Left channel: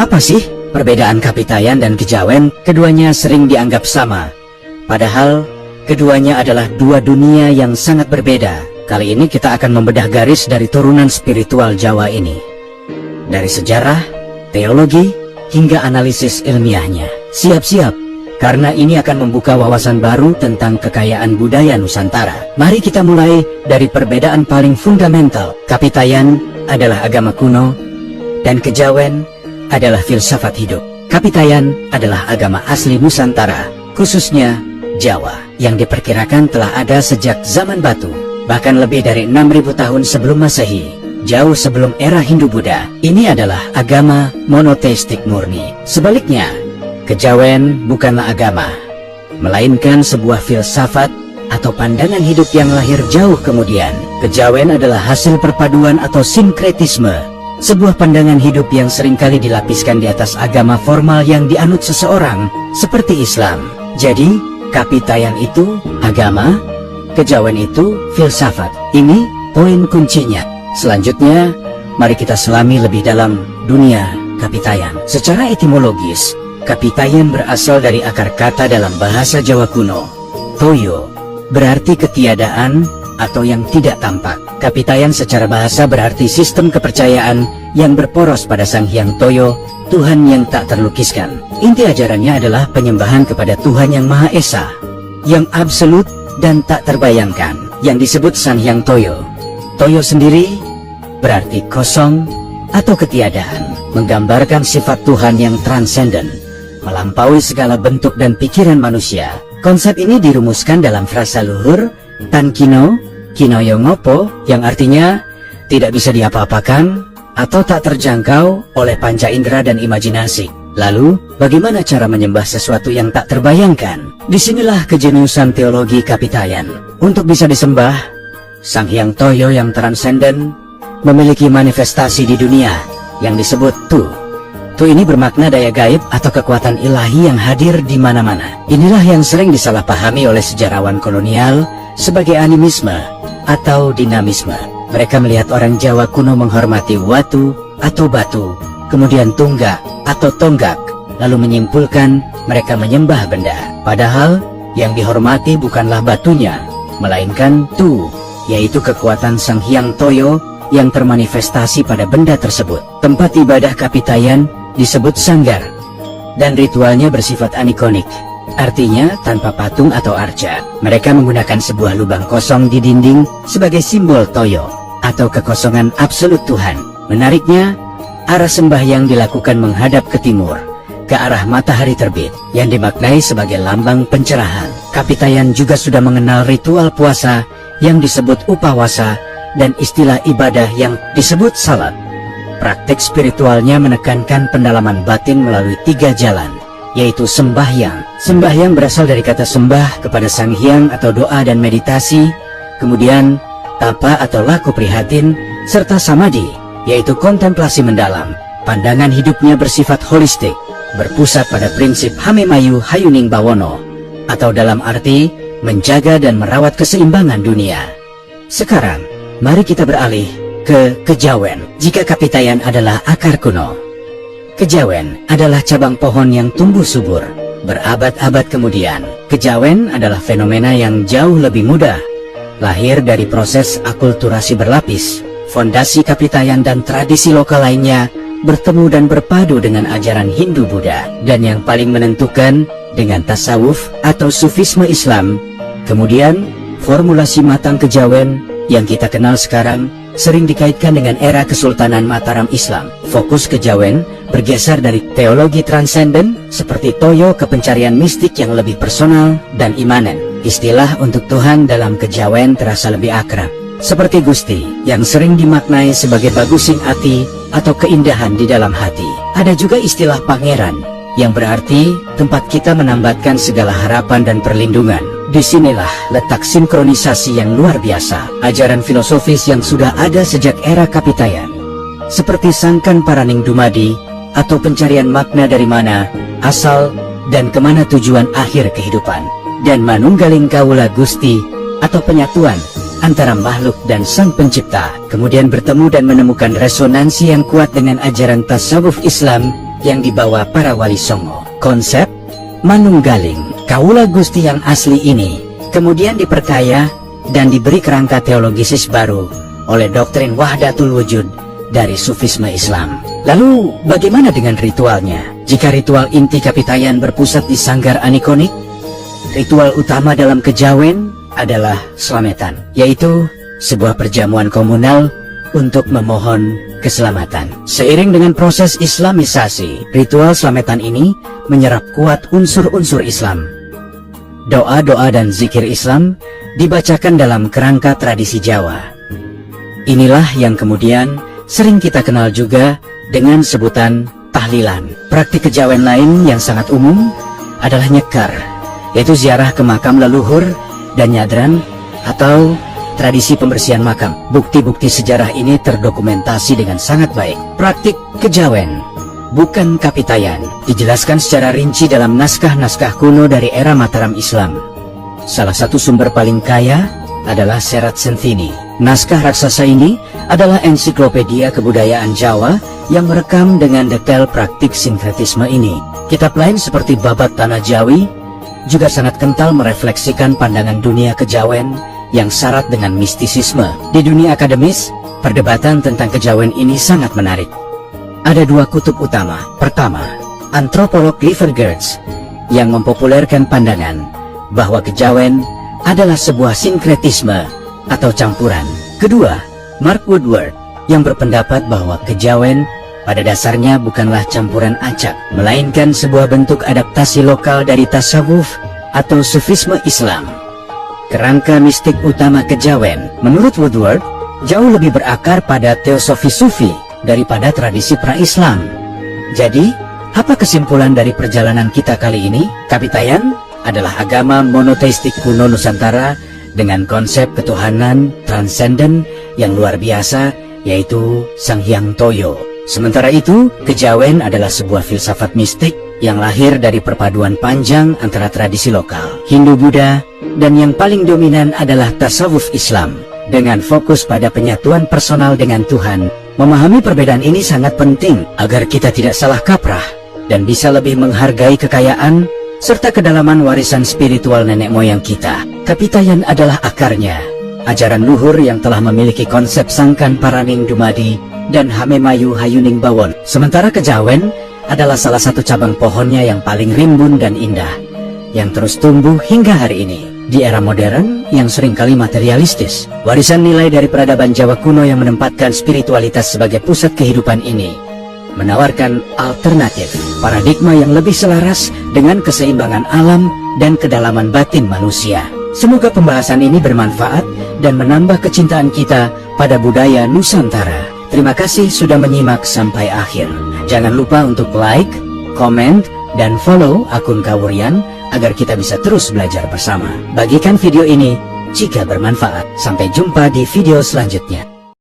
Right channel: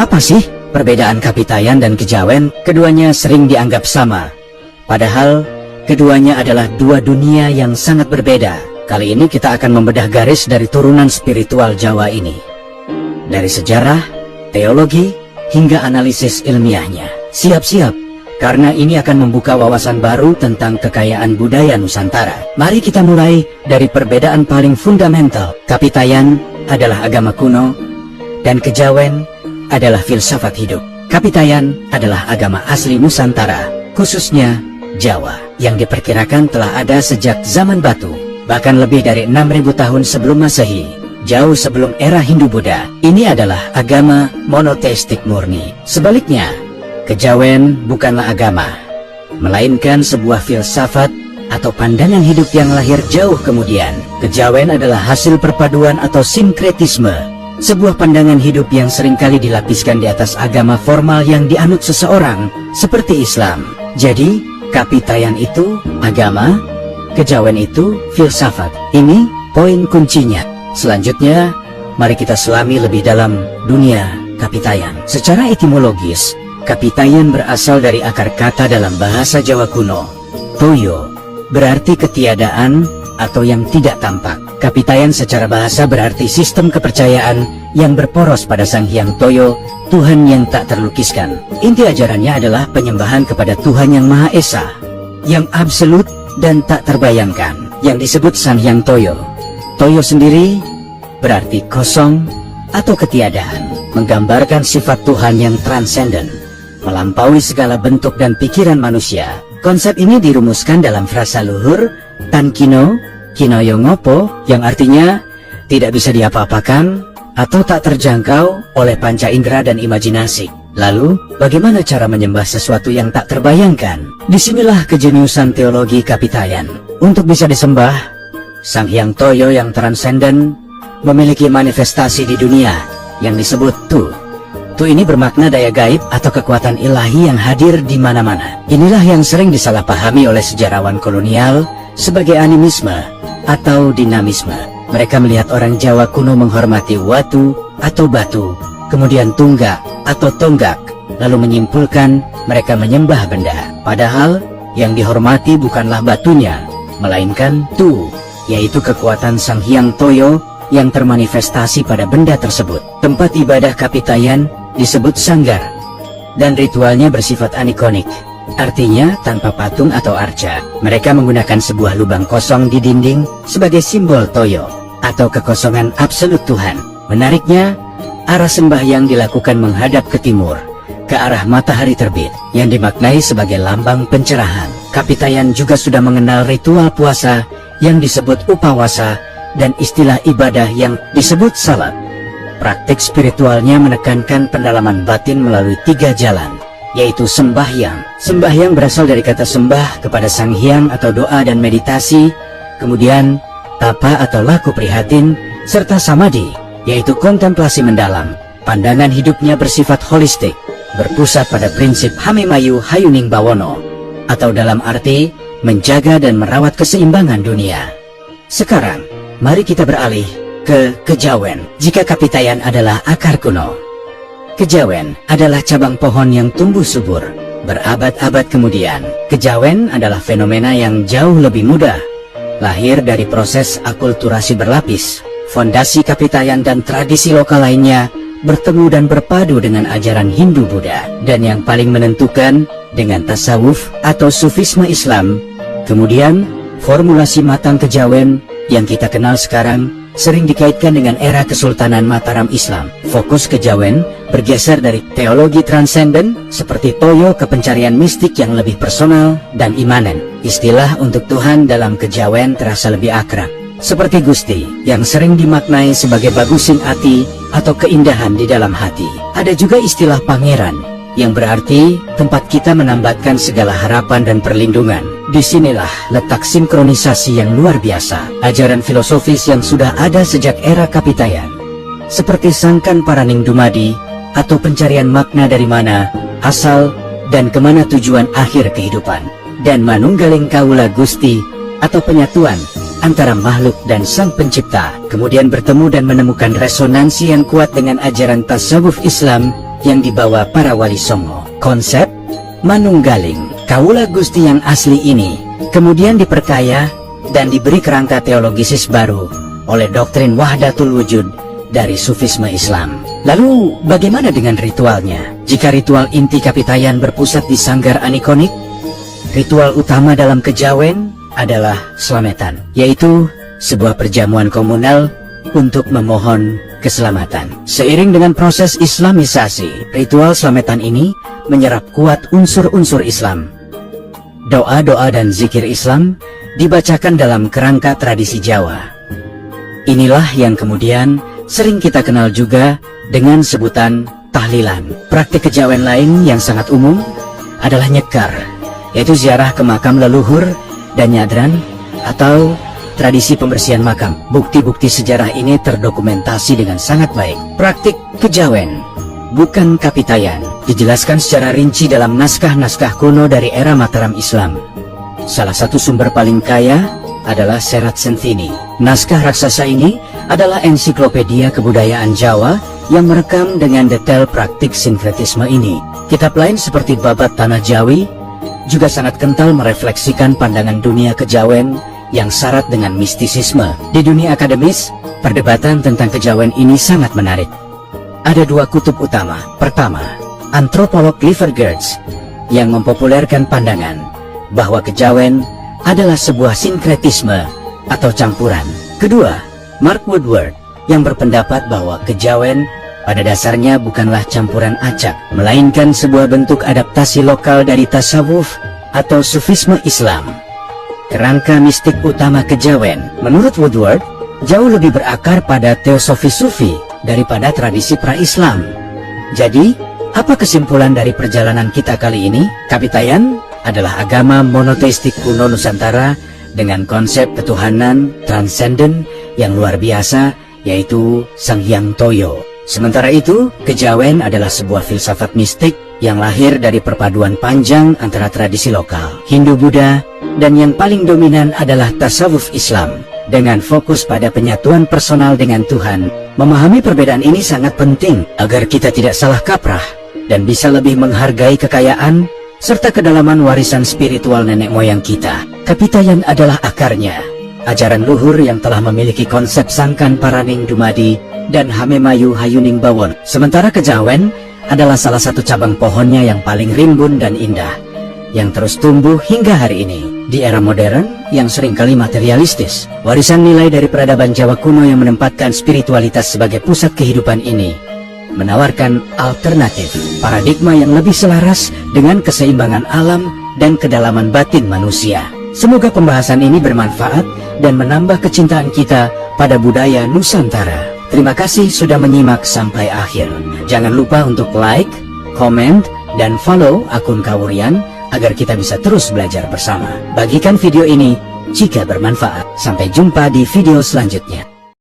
Apa sih perbedaan kapitayan dan kejawen? Keduanya sering dianggap sama. Padahal keduanya adalah dua dunia yang sangat berbeda. Kali ini kita akan membedah garis dari turunan spiritual Jawa ini. Dari sejarah, teologi, hingga analisis ilmiahnya. Siap-siap, karena ini akan membuka wawasan baru tentang kekayaan budaya Nusantara. Mari kita mulai dari perbedaan paling fundamental. Kapitayan adalah agama kuno, dan kejawen adalah filsafat hidup. Kapitayan adalah agama asli Nusantara, khususnya Jawa, yang diperkirakan telah ada sejak zaman batu, bahkan lebih dari 6.000 tahun sebelum Masehi, jauh sebelum era Hindu-Buddha. Ini adalah agama monoteistik murni. Sebaliknya, kejawen bukanlah agama, melainkan sebuah filsafat atau pandangan hidup yang lahir jauh kemudian. Kejawen adalah hasil perpaduan atau sinkretisme, sebuah pandangan hidup yang seringkali dilapiskan di atas agama formal yang dianut seseorang, seperti Islam. Jadi, kapitayan itu agama, kejawen itu filsafat. Ini poin kuncinya. Selanjutnya, mari kita selami lebih dalam dunia kapitayan. Secara etimologis, kapitayan berasal dari akar kata dalam bahasa Jawa kuno, toyo, berarti ketiadaan atau yang tidak tampak. Kapitayan secara bahasa berarti sistem kepercayaan yang berporos pada Sang Hyang Toyo, Tuhan yang tak terlukiskan. Inti ajarannya adalah penyembahan kepada Tuhan yang Maha Esa, yang absolut dan tak terbayangkan, yang disebut Sang Hyang Toyo. Toyo sendiri berarti kosong atau ketiadaan, menggambarkan sifat Tuhan yang transenden, melampaui segala bentuk dan pikiran manusia. Konsep ini dirumuskan dalam frasa luhur Tankino, Kinoyo Ngopo, yang artinya tidak bisa diapa-apakan atau tak terjangkau oleh panca indera dan imajinasi. Lalu, bagaimana cara menyembah sesuatu yang tak terbayangkan? Disinilah kejeniusan teologi kapitayan. Untuk bisa disembah, Sang Hyang Toyo yang transenden memiliki manifestasi di dunia yang disebut Tu. Tu ini bermakna daya gaib atau kekuatan ilahi yang hadir di mana-mana. Inilah yang sering disalahpahami oleh sejarawan kolonial sebagai animisme atau dinamisme. Mereka melihat orang Jawa kuno menghormati watu atau batu, kemudian tunggak atau tonggak, lalu menyimpulkan mereka menyembah benda. Padahal yang dihormati bukanlah batunya, melainkan Tu, yaitu kekuatan Sang Hyang Toyo yang termanifestasi pada benda tersebut. Tempat ibadah kapitayan disebut sanggar, dan ritualnya bersifat anikonik, artinya tanpa patung atau arca. Mereka menggunakan sebuah lubang kosong di dinding sebagai simbol Toyo, atau kekosongan absolut Tuhan. Menariknya, arah sembahyang dilakukan menghadap ke timur, ke arah matahari terbit, yang dimaknai sebagai lambang pencerahan. Kapitayan juga sudah mengenal ritual puasa yang disebut upawasa, dan istilah ibadah yang disebut salat. Praktik spiritualnya menekankan pendalaman batin melalui 3 jalan, yaitu sembahyang. Sembahyang berasal dari kata sembah kepada Sang Hyang atau doa dan meditasi, kemudian tapa atau laku prihatin, serta samadhi, yaitu kontemplasi mendalam. Pandangan hidupnya bersifat holistik, berpusat pada prinsip Hamemayu Hayuning Bawono, atau dalam arti menjaga dan merawat keseimbangan dunia. Sekarang, mari kita beralih ke kejawen. Jika kapitayan adalah akar kuno, kejawen adalah cabang pohon yang tumbuh subur berabad-abad kemudian. Kejawen adalah fenomena yang jauh lebih mudah, lahir dari proses akulturasi berlapis. Fondasi kapitayan dan tradisi lokal lainnya bertemu dan berpadu dengan ajaran Hindu-Buddha, dan yang paling menentukan dengan tasawuf atau sufisme Islam. Kemudian, formulasi matang kejawen yang kita kenal sekarang sering dikaitkan dengan era Kesultanan Mataram Islam. Fokus kejawen bergeser dari teologi transenden seperti Toyo ke pencarian mistik yang lebih personal dan imanen. Istilah untuk Tuhan dalam kejawen terasa lebih akrab, seperti Gusti, yang sering dimaknai sebagai bagusin ati atau keindahan di dalam hati. Ada juga istilah pangeran, yang berarti tempat kita menambatkan segala harapan dan perlindungan. Disinilah letak sinkronisasi yang luar biasa, ajaran filosofis yang sudah ada sejak era kapitayan, seperti Sangkan Paraning Dumadi atau pencarian makna dari mana asal dan kemana tujuan akhir kehidupan, dan Manunggaling Kawula Gusti atau penyatuan antara makhluk dan Sang Pencipta, kemudian bertemu dan menemukan resonansi yang kuat dengan ajaran tasawuf Islam yang dibawa para wali songo. Konsep manunggaling Kawula Gusti yang asli ini kemudian diperkaya dan diberi kerangka teologisis baru oleh doktrin Wahdatul Wujud dari Sufisme Islam. Lalu bagaimana dengan ritualnya? Jika ritual inti kapitayan berpusat di sanggar anikonik, ritual utama dalam kejawen adalah slametan, yaitu sebuah perjamuan komunal untuk memohon keselamatan. Seiring dengan proses islamisasi, ritual slametan ini menyerap kuat unsur-unsur Islam. Doa-doa dan zikir Islam dibacakan dalam kerangka tradisi Jawa. Inilah yang kemudian sering kita kenal juga dengan sebutan tahlilan. Praktik kejawen lain yang sangat umum adalah nyekar, yaitu ziarah ke makam leluhur, dan nyadran atau tradisi pembersihan makam. Bukti-bukti sejarah ini terdokumentasi dengan sangat baik. Praktik kejawen, bukan kapitayan, dijelaskan secara rinci dalam naskah-naskah kuno dari era Mataram Islam. Salah satu sumber paling kaya adalah Serat Senthini. Naskah raksasa ini adalah ensiklopedia kebudayaan Jawa yang merekam dengan detail praktik sinkretisme ini. Kitab lain seperti Babat Tanah Jawi juga sangat kental merefleksikan pandangan dunia kejawen yang syarat dengan mistisisme. Di dunia akademis, perdebatan tentang kejawen ini sangat menarik. Ada dua kutub utama. Pertama, antropolog Clifford Geertz yang mempopulerkan pandangan bahwa kejawen adalah sebuah sinkretisme atau campuran. Kedua, Mark Woodward yang berpendapat bahwa kejawen pada dasarnya bukanlah campuran acak, melainkan sebuah bentuk adaptasi lokal dari tasawuf atau sufisme Islam. Kerangka mistik utama kejawen, menurut Woodward, jauh lebih berakar pada teosofi sufi daripada tradisi pra-Islam. Jadi, apa kesimpulan dari perjalanan kita kali ini? Kapitayan adalah agama monoteistik kuno Nusantara dengan konsep ketuhanan transenden yang luar biasa, yaitu Sang Hyang Toyo. Sementara itu, kejawen adalah sebuah filsafat mistik yang lahir dari perpaduan panjang antara tradisi lokal, Hindu-Buddha, dan yang paling dominan adalah tasawuf Islam, dengan fokus pada penyatuan personal dengan Tuhan. Memahami perbedaan ini sangat penting agar kita tidak salah kaprah dan bisa lebih menghargai kekayaan serta kedalaman warisan spiritual nenek moyang kita. Kapitayan adalah akarnya, ajaran luhur yang telah memiliki konsep Sangkan Paraning Dumadi dan Hamemayu Hayuning Bawon. Sementara kejawen adalah salah satu cabang pohonnya yang paling rimbun dan indah, yang terus tumbuh hingga hari ini. Di era modern yang seringkali materialistis, warisan nilai dari peradaban Jawa kuno yang menempatkan spiritualitas sebagai pusat kehidupan ini menawarkan alternatif, paradigma yang lebih selaras dengan keseimbangan alam dan kedalaman batin manusia. Semoga pembahasan ini bermanfaat dan menambah kecintaan kita pada budaya Nusantara. Terima kasih sudah menyimak sampai akhir. Jangan lupa untuk like, komen, dan follow akun Kawurian agar kita bisa terus belajar bersama. Bagikan video ini jika bermanfaat. Sampai jumpa di video selanjutnya.